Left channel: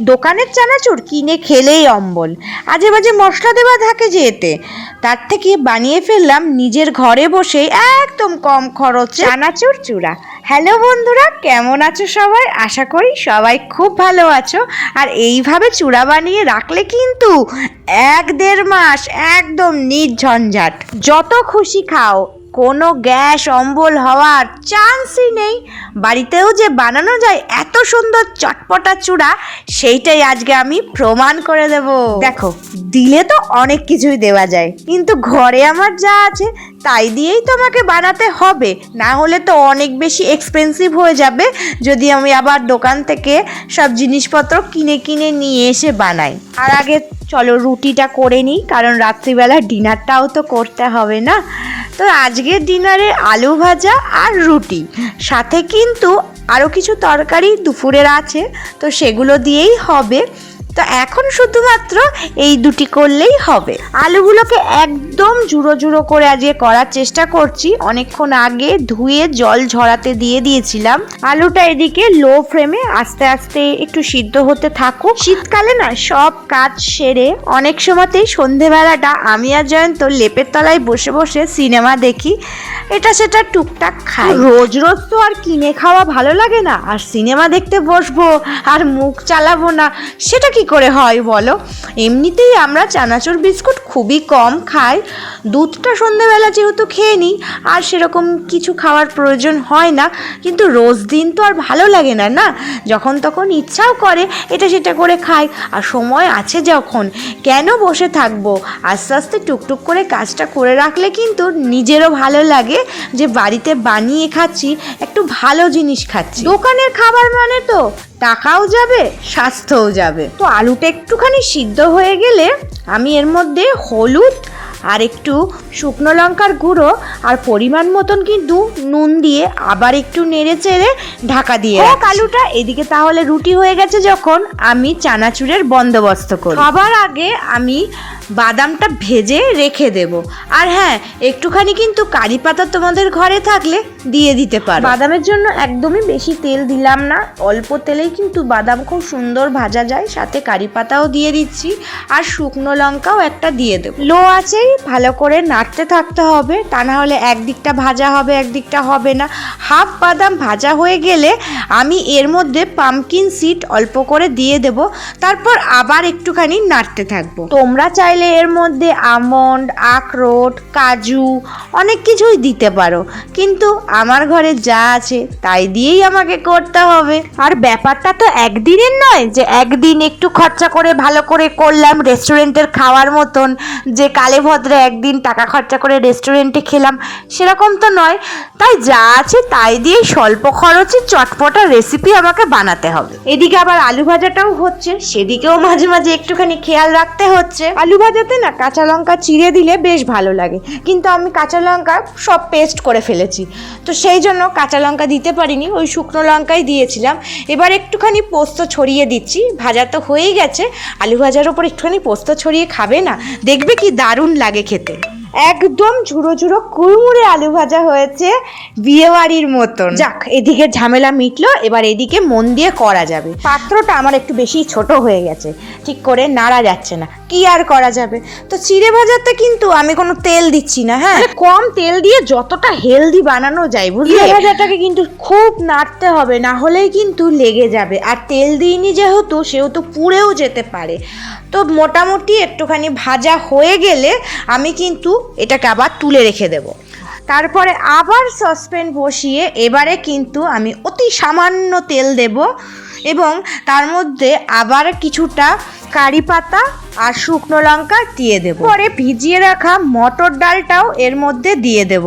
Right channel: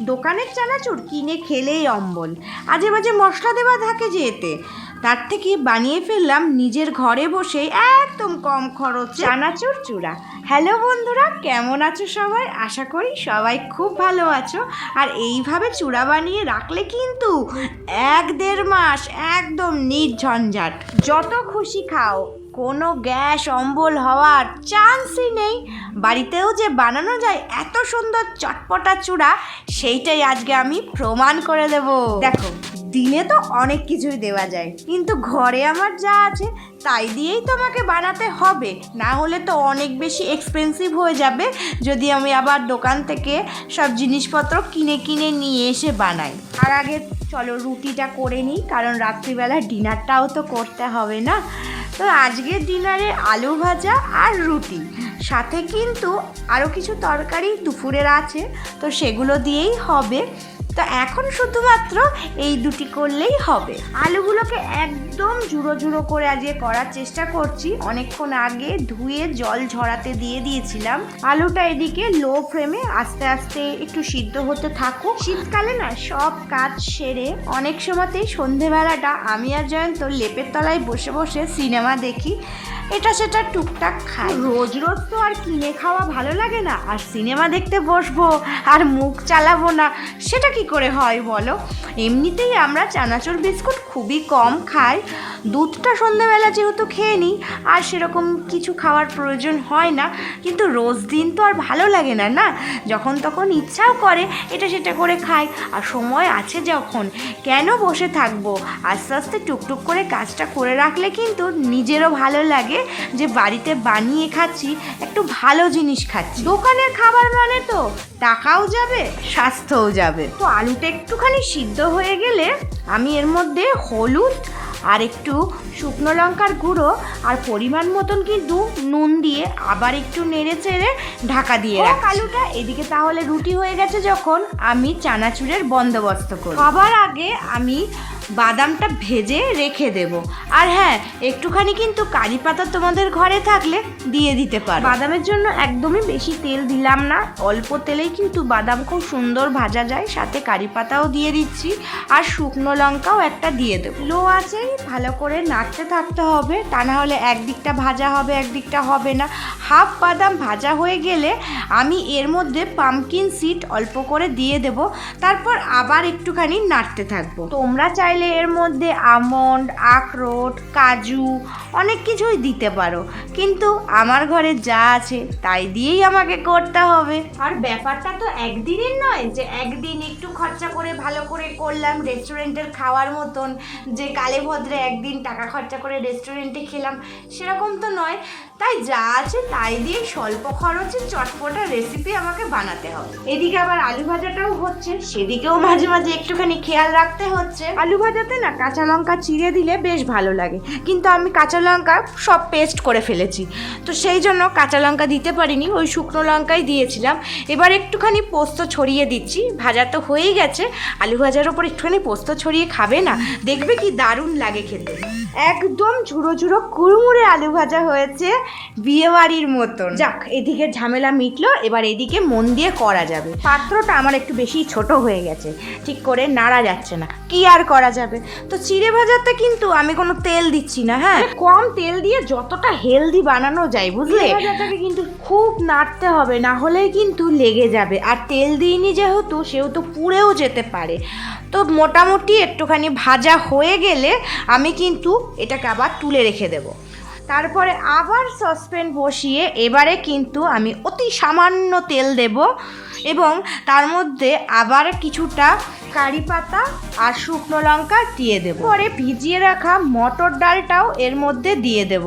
দোকানের চানাচুর, কিনে খেলেই অম্বল। আজে বাজে মশলা দেওয়া থাকে যে এতে। তার থেকে বানিয়ে ফেললাম নিজের ঘরে বসে একদম কম খরচে চানাচুর চূড়া। হ্যালো বন্ধুরা, কেমন আছো সবাই? আশা করি সবাই খুব ভালো আছো। আর এইভাবে চূড়া বানিয়ে রাখলে কিন্তু এক দেড় মাস একদম নির্ঝঞ্ঝাট। যত খুশি খাও। কোনো গ্যাস অম্বল হওয়ার চান্সই নেই। বাড়িতেও যে বানানো যায় এত সুন্দর চটপটা চূড়া, সেইটাই আজকে আমি প্রমাণ করে দেব। দেখো, দিলে তো অনেক কিছুই দেওয়া যায়, কিন্তু ঘরে আমার যা আছে, তাই দিয়েই তো আমাকে বানাতে হবে। না হলে তো অনেক বেশি এক্সপেন্সিভ হয়ে যাবে, যদি আমি আবার দোকান থেকে সব জিনিসপত্র কিনে কিনে নিয়ে এসে বানাই। আর আগে চলো রুটিটা করে নিই, কারণ রাত্রিবেলা ডিনারটাও তো করতে হবে না। তো আজকের ডিনারে আলু ভাজা আর রুটি। সাথে কিন্তু আরও কিছু তরকারি দুপুরের আছে, তো সেগুলো দিয়েই হবে। তো এখন শুধুমাত্র এই দুটি করলেই হবে। আলুগুলোকে একদম জুড়ো জুড়ো করে আজকে করার চেষ্টা করছি। অনেকক্ষণ আগে ধুয়ে জল ঝরাতে দিয়ে দিয়েছিলাম। আলুটা এদিকে লো ফ্লেমে আস্তে আস্তে একটু সিদ্ধ হতে থাকুক। শীতকালে না সব কাজ সেরে অনেক সময়তেই সন্ধেবেলাটা আমি আর জয়ন্ত লেপের তলায় বসে বসে সিনেমা দেখি। এটা সেটা টুকটাক খাই। রোজ রোজ তো আর কিনে খাওয়া ভালো লাগে না, আর সিনেমা দেখতে বসবো, আর মুখ চালাবো না, সেটা কি করে হয় বলো? এমনিতেই আমরা চানাচুর বিস্কুট খুবই কম খাই দুধটা সন্ধ্যেবেলা যেহেতু খেয়ে নিই, আর সেরকম কিছু খাওয়ার প্রয়োজন হয় না। কিন্তু রোজ দিন তো আর ভালো লাগে না না? যখন তখন ইচ্ছাও করে, এটা সেটা করে খাই। আর সময় আছে যখন, কেন বসে থাকব? আস্তে আস্তে টুকটুক করে কাজটা করে রাখলে কিন্তু নিজেরও ভালো লাগে যে বাড়িতে বানিয়ে খাচ্ছি, একটু ভালো জিনিস খাচ্ছি। দোকানের খাবার মানে তো টাকাও যাবে, স্বাস্থ্যও যাবে। তো আলুটা একটুখানি সিদ্ধ হয়ে গেলে আমি এর মধ্যে হলুদ আর একটু শুকনো লঙ্কার গুঁড়ো আর পরিমাণ মতন কিন্তু নুন দিয়ে আবার একটু নেড়ে চেড়ে ঢাকা দিয়ে হোক আলুটা এদিকে তাহলে রুটি হয়ে গেছে যখন আমি চানাচুরের বন্দোবস্ত করি। সবার আগে আমি বাদামটা ভেজে রেখে দেব। আর হ্যাঁ একটুখানি কিন্তু কারি পাতা তোমাদের ঘরে থাকলে দিয়ে দিতে পারো। বাদামের জন্য একদমই বেশি তেল দিলাম না। অল্প তেলেই কিন্তু বাদাম খুব সুন্দর ভাজা যায়। সাথে কারি পাতাও দিয়ে দিচ্ছি। আর শুকনো লঙ্কাও একটা দিয়ে দেবো। লো আছেই ভালো করে নাড়তে থাকতে হবে। তা না হলে একদিকটা ভাজা হবে, একদিকটা হবে না। হাফ বাদাম ভাজা হয়ে গেলে আমি এর মধ্যে পামকিন সিড অল্প করে দিয়ে দেব। তারপর আবার একটুখানি নাড়তে থাকব। তোমরা চাইলে এর মধ্যে আমন্ড, আখরোট, কাজু অনেক কিছুই দিতে পারো। কিন্তু আমার ঘরে যা আছে তাই দিয়েই আমাকে করতে হবে। আর ব্যাপারটা তো একদিনের নয় যে একদিন একটু খরচা করে ভালো করে করলাম রেস্টুরেন্টের খাওয়ার মতন। যে কালে ভদ্রে একদিন টাকা খরচা করে রেস্টুরেন্টে খেলাম সেরকম তো নয়। তাই যা আছে তাই দিয়ে স্বল্প খরচে চটপটা রেসিপি আমাকে বানাতে হবে। এদিকে আবার আলু ভাজাটাও হচ্ছে সেদিকেও মাঝে মাঝে একটুখানি খেয়াল রাখতে হচ্ছে। আলু ভাজাতে না কাঁচা লঙ্কা চিড়ে দিলে বেশ ভালো লাগে। কিন্তু আমি কাঁচা লঙ্কা সব পেস্ট করে ফেলেছি। তো সেই জন্য কাঁচা লঙ্কা দিতে পারিনি, ওই শুকনো লঙ্কাই দিয়েছিলাম। এবার একটুখানি পোস্ত ছড়িয়ে দিচ্ছি, ভাজা তো হয়েই গেছে। আলু ভাজার ওপর একটুখানি পোস্ত ছড়িয়ে খাবে না? দেখবে কি দারুণ লাগে খেতে। একদম ঝুড়ো ঝুড়ো কুড়মুড়ে আলু ভাজা হয়েছে বিয়েবাড়ির মতন। যাক, এদিকে ঝামেলা মিটলো, এবার এদিকে মন দিয়ে করা যাবে। পাত্রটা আমার একটু বেশি ছোট হয়ে গেছে, ঠিক করে নাড়া যাচ্ছে না। কি আর করা যাবে? তো চিড়ে ভাজাতে কিন্তু আমি কোনো তেল দিচ্ছি না হ্যাঁ? কম তেল দিয়ে যতটা হেলদি বানানো যায় বুঝলি? ভাজাটাকে কিন্তু খুব নাড়তে হবে না হলেই কিন্তু লেগে যাবে। আর তেল দিইনি যেহেতু সেহেতু পুড়েও যেতে পারে। তো মোটামুটি একটুখানি ভাজা হয়ে গেলে আমি কিন্তু এটাকে আবার তুলে রেখে দেব। তারপরে আবার সসপ্যান বসিয়ে এবারে কিন্তু আমি অতি সামান্য তেল দেব এবং তার মধ্যে আবার কিছুটা কারি পাতা আর শুকনো লঙ্কা দিয়ে দেবো। পরে ভিজিয়ে রাখা মটর ডালটাও এর মধ্যে দিয়ে দেব।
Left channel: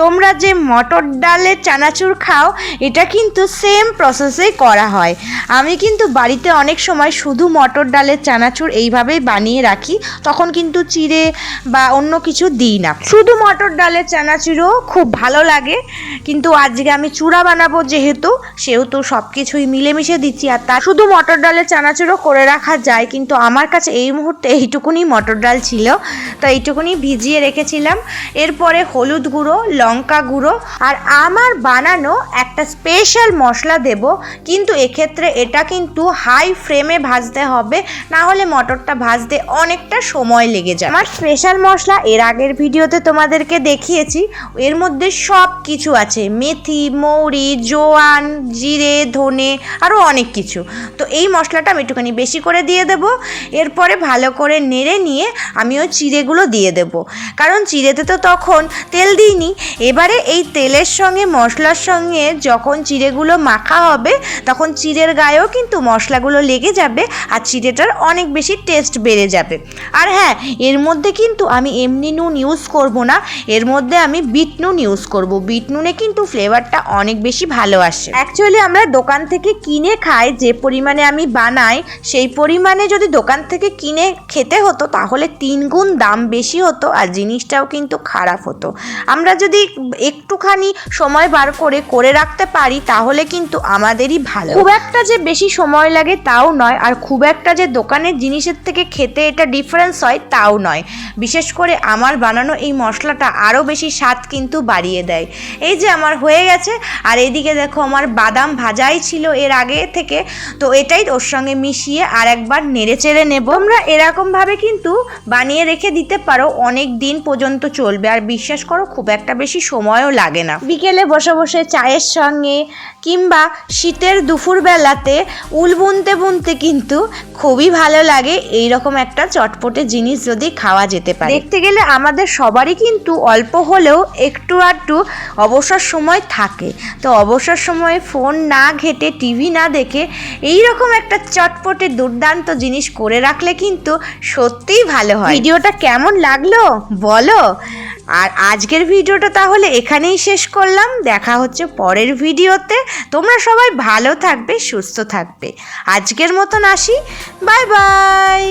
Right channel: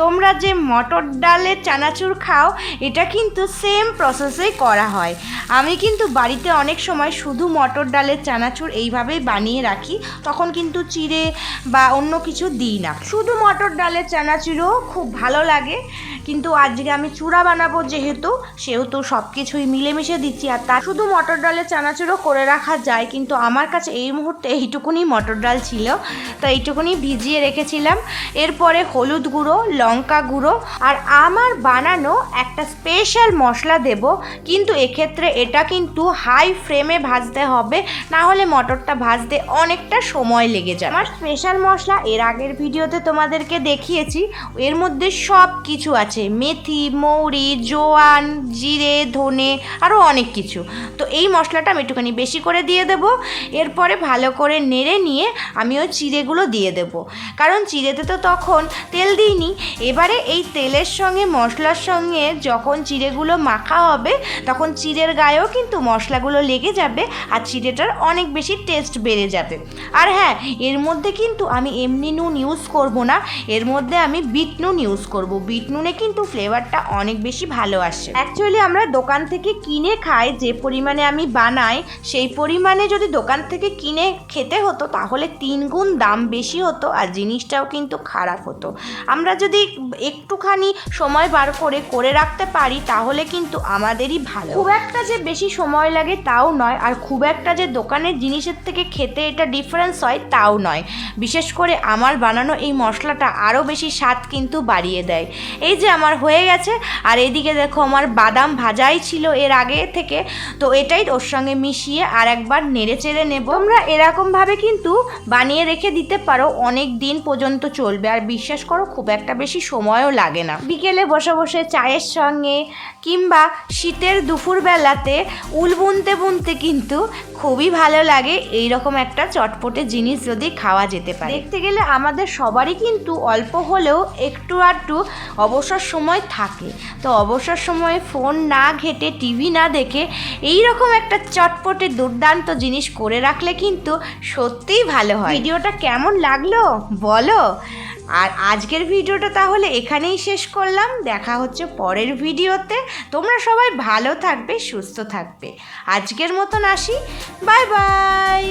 তোমরা যে মটর ডালের চানাচুর খাও, এটা কিন্তু সেম প্রসেসেই করা হয়। আমি কিন্তু বাড়িতে অনেক সময় শুধু মটর ডালের চানাচুর এইভাবেই বানিয়ে রাখি, তখন কিন্তু চিড়ে বা অন্য কিছু দিই না। শুধু মটর ডালের চানাচুরও খুব ভালো লাগে, কিন্তু আজকে আমি চূড়া বানাবো যেহেতু, সেহেতু সব কিছুই মিলেমিশে দিচ্ছি। আর তা শুধু মটর ডালের চানাচুরও করে রাখা যায়, কিন্তু আমার কাছে এই মুহূর্তে এইটুকুনি মটর ডাল ছিল। তো এইটুকুনি ভিজিয়ে রেখেছিলাম। এরপরে হলুদ গুঁড়ো, লঙ্কা গুঁড়ো আর আমার বানানো একটা স্পেশাল মশলা দেব। কিন্তু এক্ষেত্রে এটা কিন্তু হাই ফ্লেমে ভাজতে হবে। না হলে মটরটা ভাজতে অনেকটা সময় লেগে যায় আমার স্পেশাল মশলা এর আগের ভিডিওতে তোমাদেরকে দেখিয়েছি। এর মধ্যে সব কিছু আছে। মেথি, মৌরি, জোয়ান, জিরে, ধনে আরও অনেক কিছু। তো এই মশলাটা আমি একটুখানি বেশি করে দিয়ে দেব। এরপরে ভালো করে নেড়ে নিয়ে আমি ওই চিড়েগুলো দিয়ে দেব। কারণ চিড়েতে তো তখন তেল দিইনি। এবারে এই তেলের সঙ্গে, মশলার সঙ্গে যখন চিড়েগুলো মাখা হবে, তখন চিড়ের গায়েও কিন্তু মশলাগুলো লেগে যাবে আর চিড়েটার অনেক বেশি টেস্ট বেড়ে যাবে। আর হ্যাঁ এর মধ্যে কিন্তু আমি এমনি নুন ইউজ করব না। এর মধ্যে আমি বিট নুন ইউজ করব। বিট নুনে কিন্তু ফ্লেভারটা অনেক বেশি ভালো আসে। অ্যাকচুয়ালি আমরা দোকান থেকে কিনে খাই, যে পরিমাণে আমি বানাই, সেই পরিমাণে যদি দোকান থেকে কিনে খেতে হতো, তাহলে তিন গুণ দাম বেশি হতো আর জিনিসটাও কিন্তু খারাপ হতো। আমরা যদি একটুখানি সময় বার করে করে রাখতে পারি, তাহলে কিন্তু আমাদেরই ভালো। খুব একটা যে বেশি সময় লাগে তাও নয়, আর খুব একটা যে দোকানের জিনিসের থেকে খেতে এটা ডিফারেন্স হয় তাও নয়। বিশেষ করে আমার বানানো এই মশলাটা আরও বেশি স্বাদ কিন্তু বাড়িয়ে দেয়। এই যে আমার হয়ে গেছে, আর এদিকে দেখো আমার বাদাম ভাজাই ছিল এর আগে থেকে, তো এটাই ওর সঙ্গে মিশিয়ে আর একবার নেড়ে চেড়ে নেব। তোমরা এরকমভাবে কিন্তু বানিয়ে রেখে দিতে পারো, অনেক দিন পর্যন্ত চলবে। আর বিশ্বাস করো, খুব একটা বেশি সময়ও লাগে না। বিকেলে বসে বসে চায়ের সঙ্গে কিংবা শীতের দুপুরবেলাতে উল বুনতে বুনতে কিন্তু খুবই ভালো লাগে। এই রকম একটা চটপটে জিনিস যদি খাওয়া যেতে পারে। দেখতে গেলে আমাদের সবারই কিন্তু অল্প হলেও একটু আধটু অবসর সময় থাকে। তো অবসর সময়ে ফোন না ঘেটে, টিভি না দেখে এই রকম একটা চটপটে দুর্দান্ত জিনিস করে রাখলে কিন্তু সত্যিই ভালো হয়। ভিডিওটা কেমন লাগল বলো? আর আজকের ভিডিওটা তাহলে এখানেই শেষ করলাম। দেখা হচ্ছে পরের ভিডিওতে। তোমরা সবাই ভালো থাকবে, সুস্থ থাকবে। আজকের মতন আসি। Bye bye!